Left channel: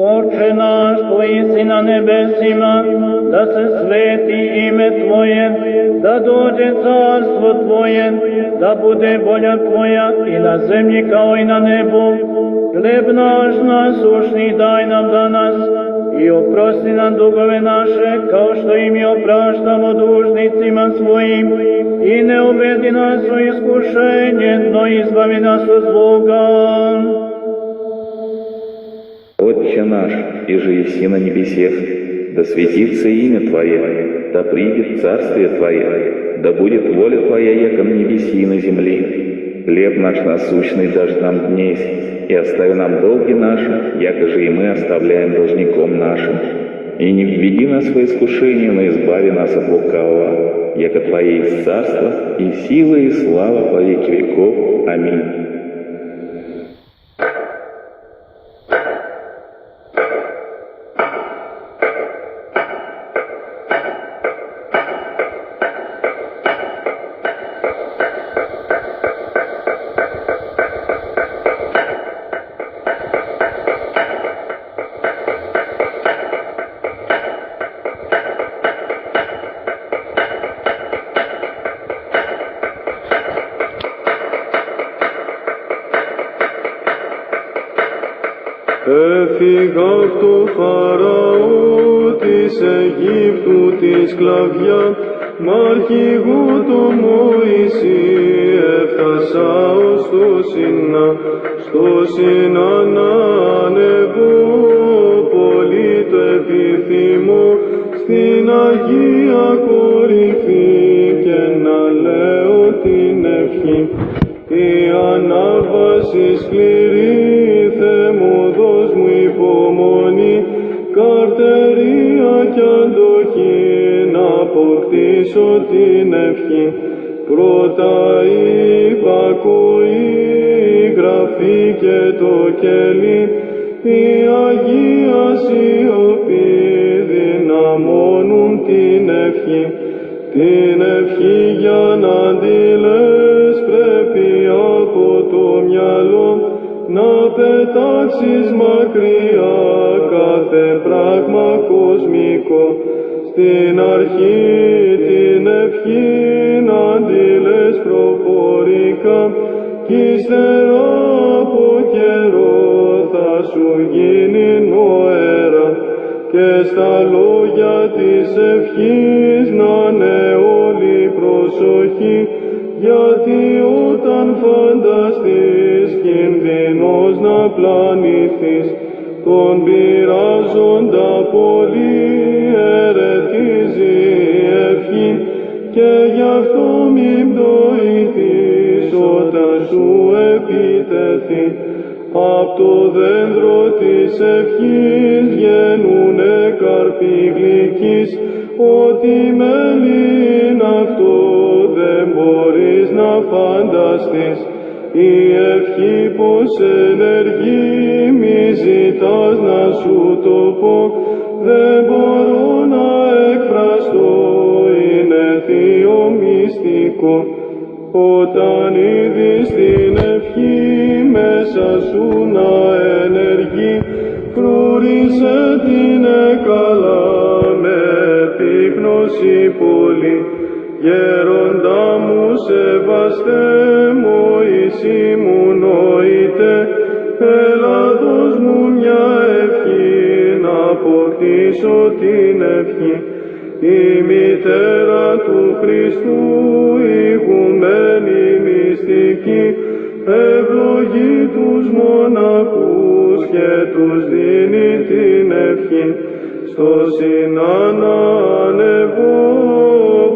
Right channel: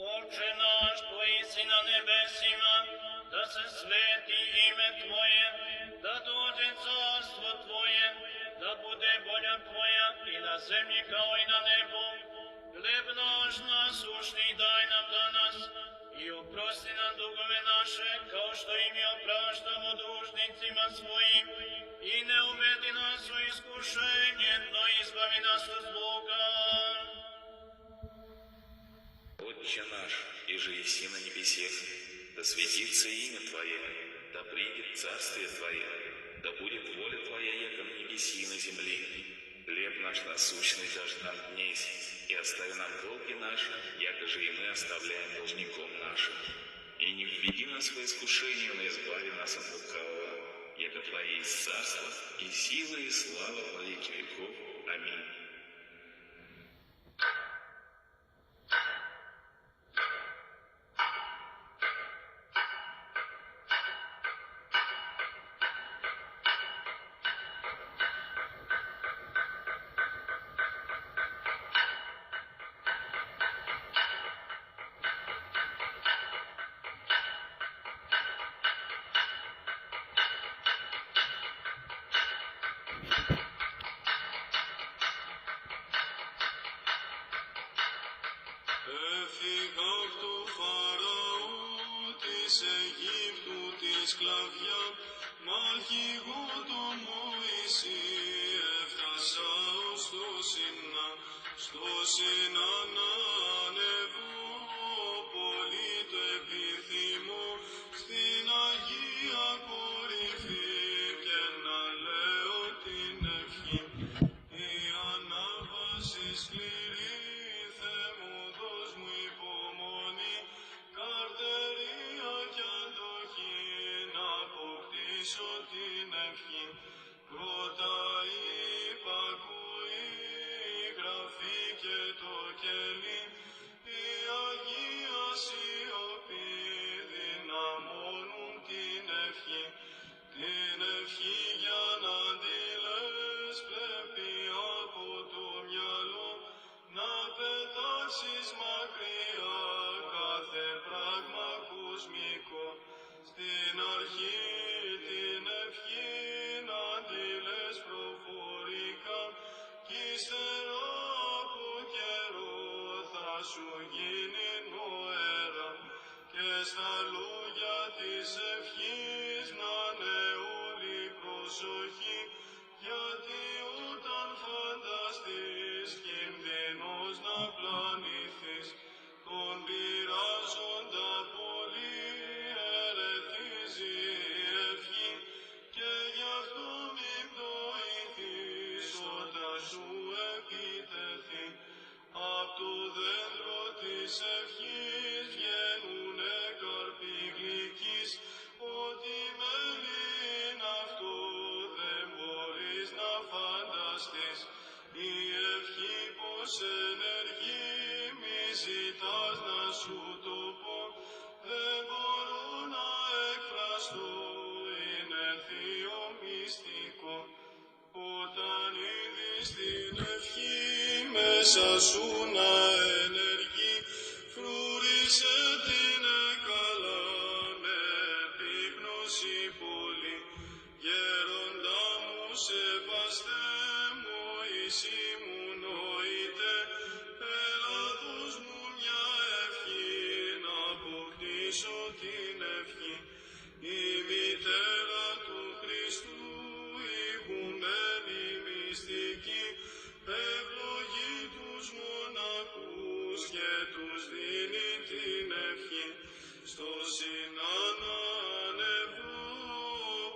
Отче наш, Твои си на небесима, да се свети име Твое, да доđe царство Твое, да буде воля Твоя и на землji kao i na nebu. Хлеб наш насущный дай нам danas и oprosti nam dugove naše, kao što i mi opraštamo dužnicima svojim, i ne uvedi nas u iskušenje, no izbavi nas od zloga. Отче наш, иже еси на небесех, да светится имя Твое, да придет царствие Твое, да будет воля Твоя, яко на небеси и на земле. Хлеб наш насущный дашь нам днесь, и остави нам долги наши, яко же и мы оставляем должником нашим. И не введи нас во искушение, но избави нас от лукавого, яко Твое есть царство, и сила, и слава во веки веков. Аминь. Έφυγα απ' το Φαραώ της Αιγύπτου τη σκλαβιά, μ' αρχηγό το Μωυσή έφτασα ως το Σινά να ανεβώ, πολύ το επιθυμώ στην Αγία κορυφή και να λέω την ευχή. Η ανάβαση σκληρή, Θεέ μου δώσ' μου υπομονή, καρτερία κι αντοχή, να αποκτήσω την ευχή. Πρώτα η υπακοή, η γραφή και το κέλι, η Αγία σιωπή δυναμώνουν την ευχή. Την ευχή για να τη λες πρέπει από το μυαλό να πετάξεις μακριά κάθε πράγμα κοσμικό. Στην αρχή την ευχή να τη λες προφορικά κι ύστερα από καιρό θα σου γίνει νοέρα. Και στα λόγια της ευχής να είναι όλη προσοχή, γιατί όταν φανταστείς κινδυνός να πλανηθείς, τον πειράζοντα πολύ ερεθίζει η ευχή, και γι' αυτό μην πτωηθείς όταν σου επιτεθεί. Απ' το δέντρο της ευχής βγαίνουνε καρποί γλυκείς, ό,τι μέλι είναι αυτό δεν μπορείς να φανταστείς. Η ευχή πως ενεργεί, μη ζητάς να σου το πω, δεν μπορώ να εκφραστώ, είναι θείο μυστικό. Όταν είδεις την ευχή μέσα σου να ενεργεί, φρούρισε την καλά με επίγνωση πολύ. Γέροντα μου σεβαστέ, Μωυσή μου νοείτε, έλα δώσ' μου μια ευχή να αποκτήσω την ευχή. Η μητέρα του Χριστού, ηγουμένη μυστική, ευλογεί τους μοναχούς και τους δίνει την ευχή. Στο Σινά να ανεβώ,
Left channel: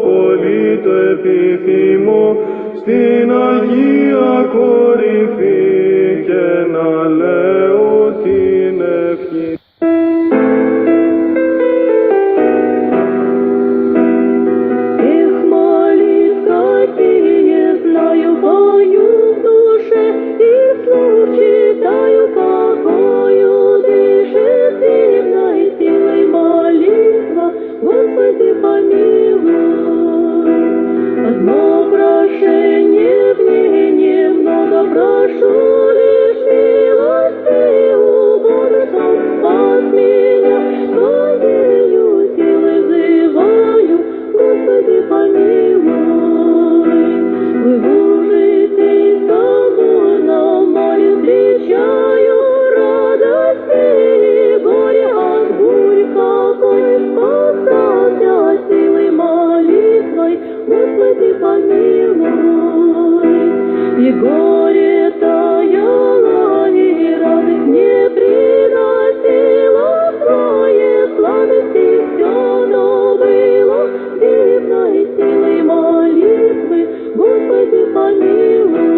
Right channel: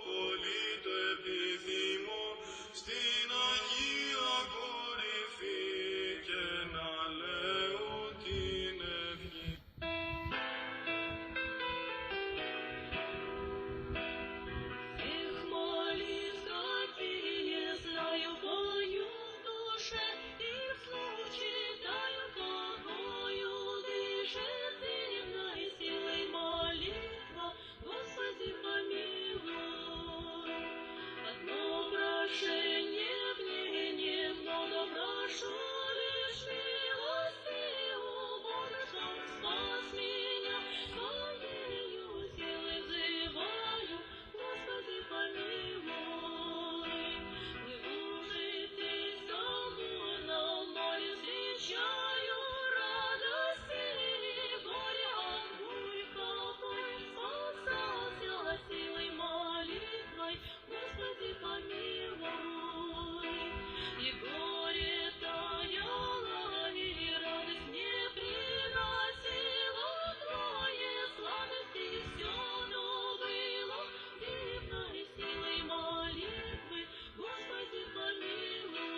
πολύ το επιθυμώ, στην Αγία κορυφή και να λέω την ευχή. Одно прошение в ней немного прошу. и горе таяло, и радость не приносила Твое сладости все, но было дивной силой молитвы, Господи, помилуй.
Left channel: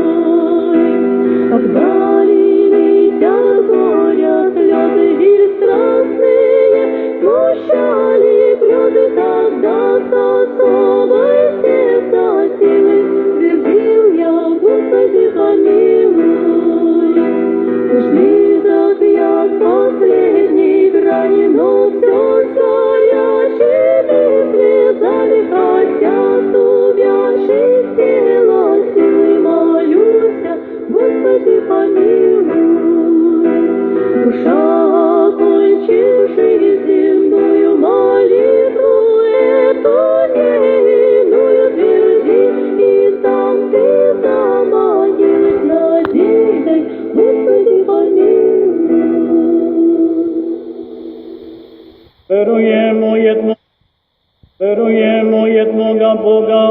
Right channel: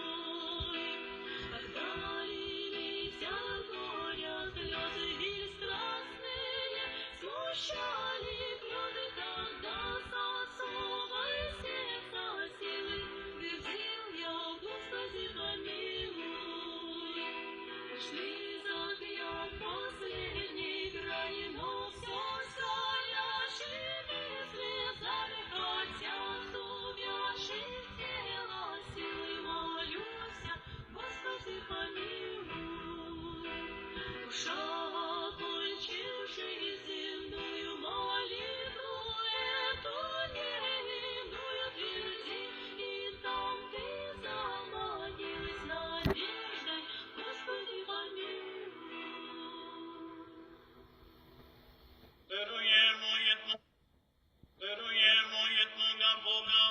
Когда лились от горя слезы или страстные, смущали слезы, тогда с особой сердца силы твердил я, Господи, помилуй. Близок я к последней грани, но все с горячими слезами, хотя с увядших тела силой молюся, Господи, помилуй. Душа, окончивши земную молитву, эту невинную тверди, и там ты заманилась надеждой, Господи, помилуй. Веруємо єдного Бога,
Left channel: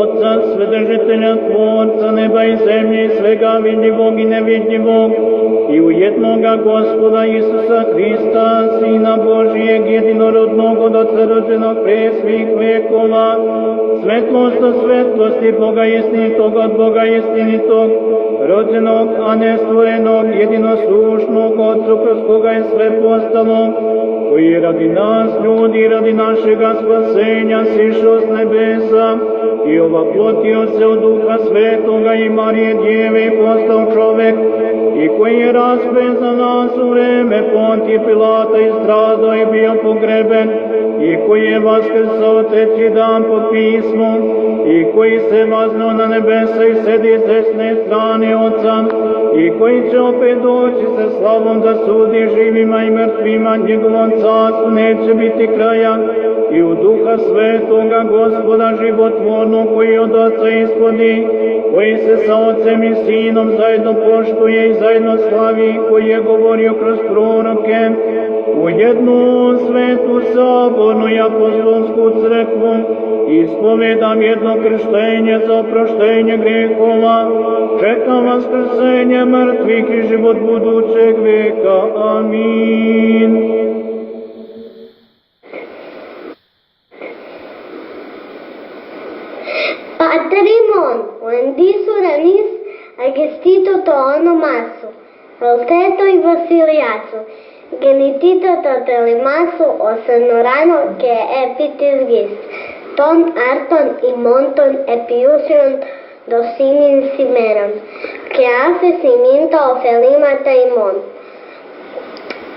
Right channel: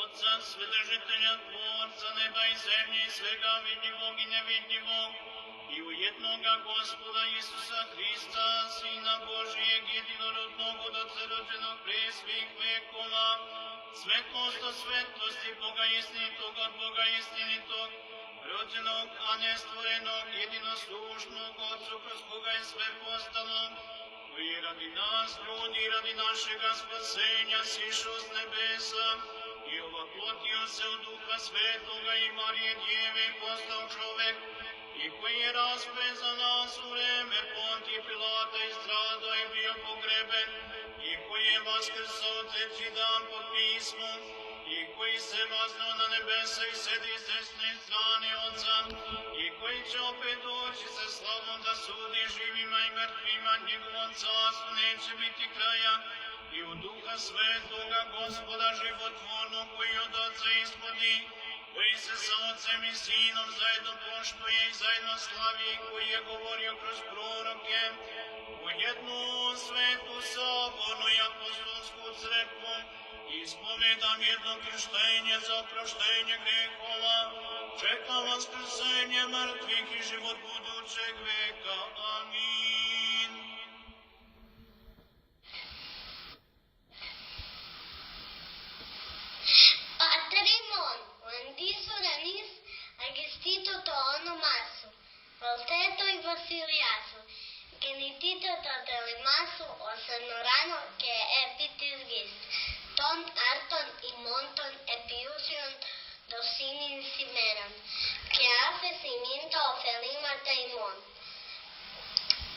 Отца, Вседержителя, Творца неба и земли, и свega видимого и невидимого, и у едного Господа Иисуса Христа, Сына Божиего, единородного, доцеродженого пресвих векова, светлость светлости, Бога истинитog от Бога истинитog, rođenog, a ne stvorenog, jedinosušnog, Otcu kroz koga je sve postalo, koji radi nas, ljudi, radi našega spasenja, sišao s nebesa i ovaplotio se od Duha Svetoga i Marije Djeve i postao čovek, i koji je raspet za nas u vreme Pontije Pilata i stradao i bio pogreben, i koji je vaskrsao treći dan po pismu, i koji se vaznao na nebesa i sedi s desne strane Otca, i koji će opet doći sa slavom da sudi živima i mrtvima, njegovom carstvu neće biti kraja, i u Duha Svetoga Gospoda životvornog koji od Otca ishodi, koji se sa Otcem i Sinom zajedno poštuje i zajedno slavi, koji je govorio kroz proroke, u jednu svetu sabornu i apostolsku crkvu, ispovedam jedno krštenje za oproštenje grehova, čekam vaskrsenje mrtvih i život budućeg veka. Amin. Patrimon, Lendisu Ranis, Agestito to onomasu, Valteto i Vasiliasu, Genitito to Telimasu, Osenorano que epitis gis, Ton Arton y Monton Epiusion Dosinin Simeron, que hace cimiento ofelima taimon,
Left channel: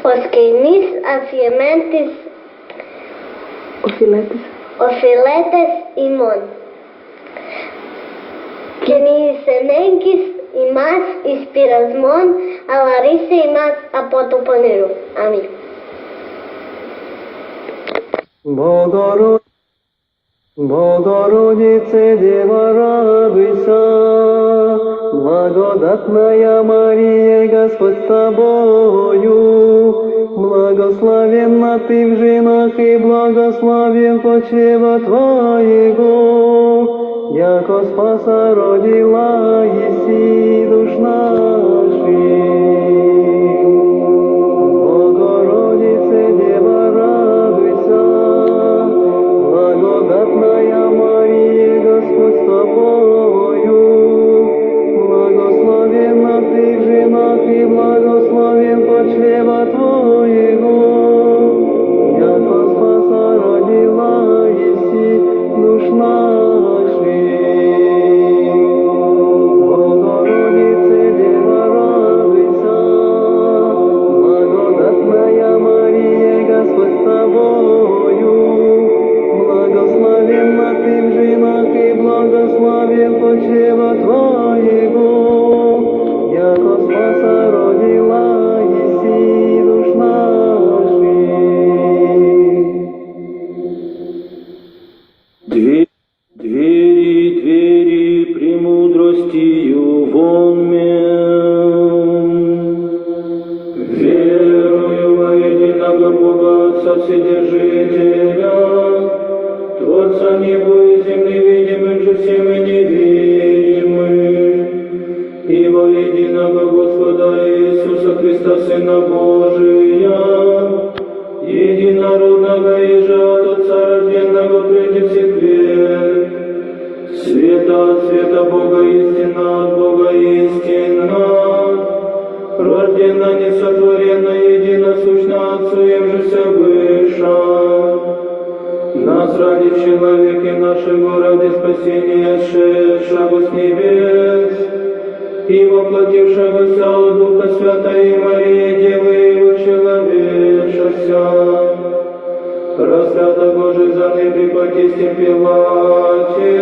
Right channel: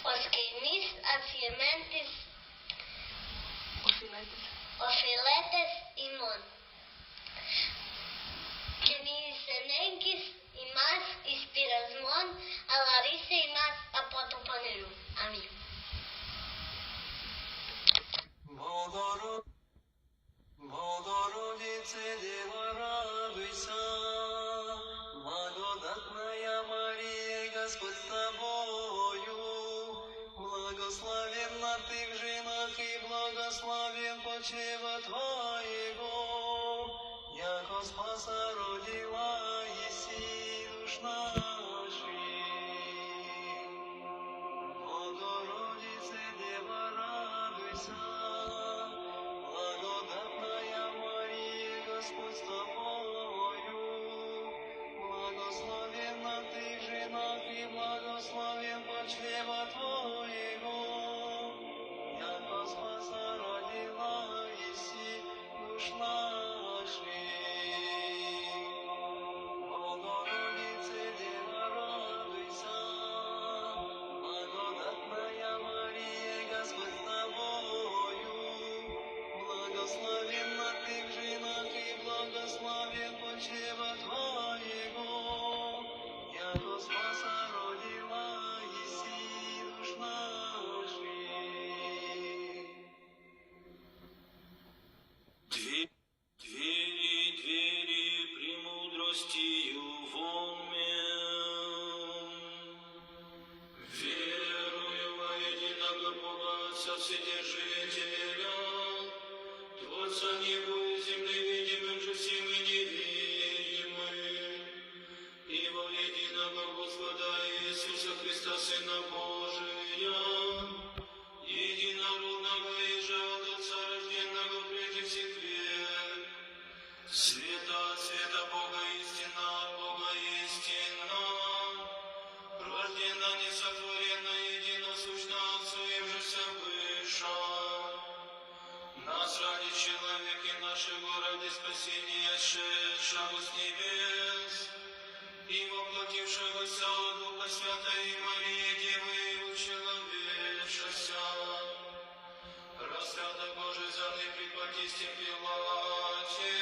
Osquemis afiementis ofiletes imon. Que ni senenquis y más inspirasmon a la risa y más a potoponero. Amén. Богородице, Дева, радуйся, благодатная Мария, Господь с тобою, благословенна ты в женах и благословен почева твоего, яко спаса родила еси душ наших. Богородице, Дева, радуйся, благодатная Мария, Господь с тобою, благословенна ты в женах и благословен почева твоего, яко спаса родила еси душ наших. Богородице, Дева, радуйся, благодатная Мария, Господь с тобою, благословенна ты в женах и благословен почева твоего, яко спаса родила еси душ наших. Двери премудростью вонмен. Верую во единого Бога, Отца Вседержителя, Творца неба и земли, видимых же всем и невидимых, нашего ради спасения, сшедшего с небес, и воплотившегося от Духа Святой Марии, Девы человечася, распята Божий за ны при Понтии Пилате,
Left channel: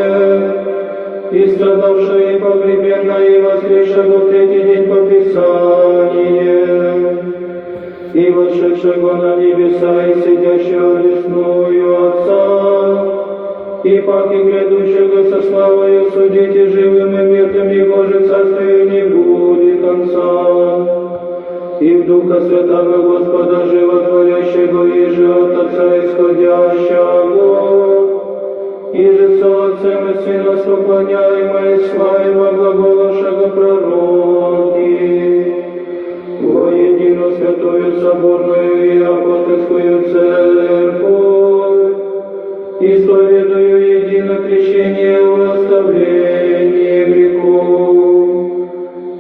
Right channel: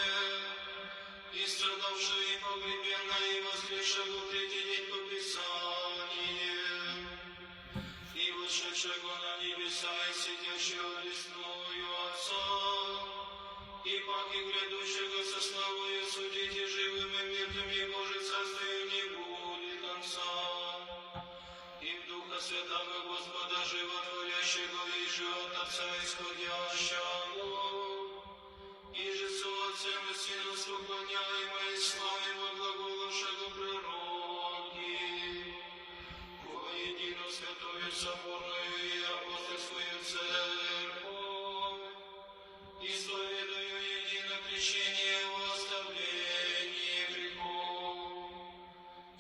и страдавшая и погребенная, и воскресшего в третий день по Писанию, и восшедшего на небеса, и сидящего лесную Отца, и паки грядущего со славою судить и живым и мертвым, и Божие царствию не будет конца. И в Духа Святого Господа животворящего, и же от Отца исходящего, и же со Отцем и Сыном поклоняемой славе во глаголавшего пророки, во единую святую соборную и апостольскую церковь, исповедую едино крещение в оставление грехов,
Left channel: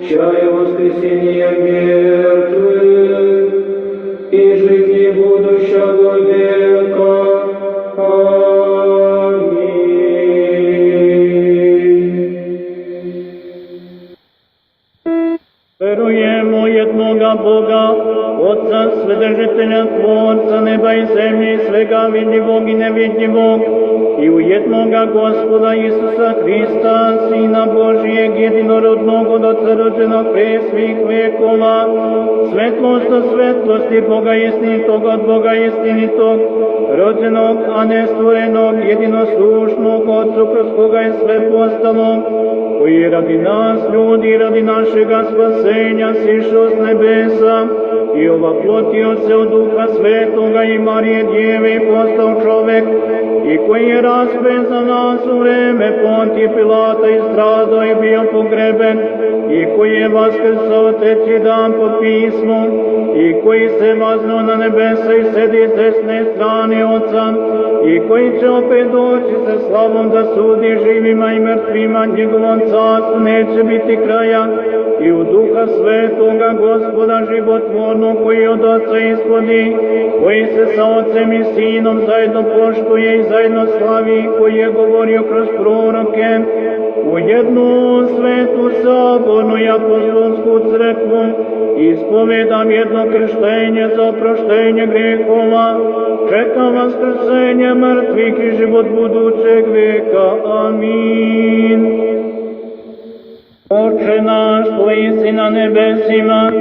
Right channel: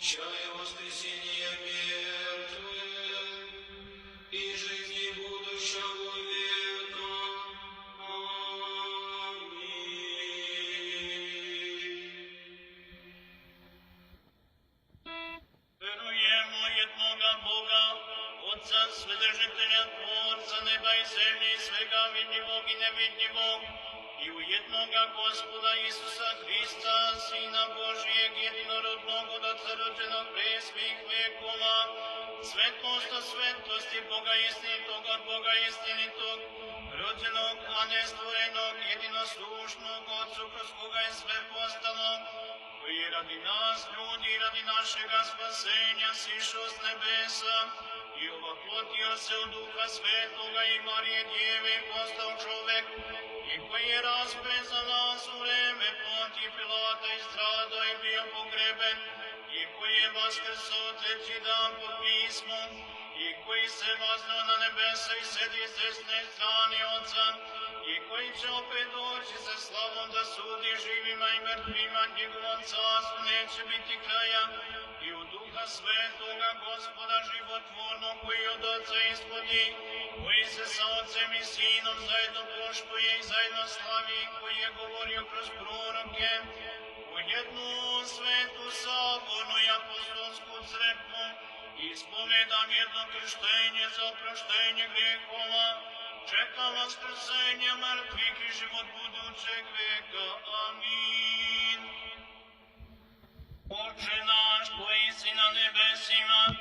чая воскресения мертвых и жизни будущего века. Веруємо одного Бога, Отца, Вседержителя, Творца неба и земли, свega видимого и невидимого, и у едного Господа Иисуса Христа, Сына Божиего, единородного, доцеродженого пресвих векова, светлость от светлости, Бога истинитого от Бога истинитого, rođenog, a ne stvorenog, jedinosušnog, Otcu kroz koga je sve postalo, koji radi nas, ljudi, radi našega spasenja, sišao s nebesa i ovaplotio se od Duha Svetoga i Marije Djeve i postao čovek, i koji je raspet za nas u vreme Pontije Pilata i stradao i bio pogreben, i koji je vaskrsao treći dan po pismu, i koji se vaznuo na nebesa i sedi s desne strane Otca, i koji će opet doći sa slavom da sudi živima i mrtvima, njegovom carstvu neće biti kraja, i u Duha Svetoga Gospoda životvornog, koji od Otca ishodi, koji se sa Otcem i Sinom zajedno poštuje i zajedno slavi, koji je govorio kroz proroke, u jednu svetu sabornu i apostolsku crkvu, ispovedam jedno krštenje za oproštenje grehova, čekam vaskrsenje mrtvih i život budućeg veka. Amin. Oče naš koji si na nebesima,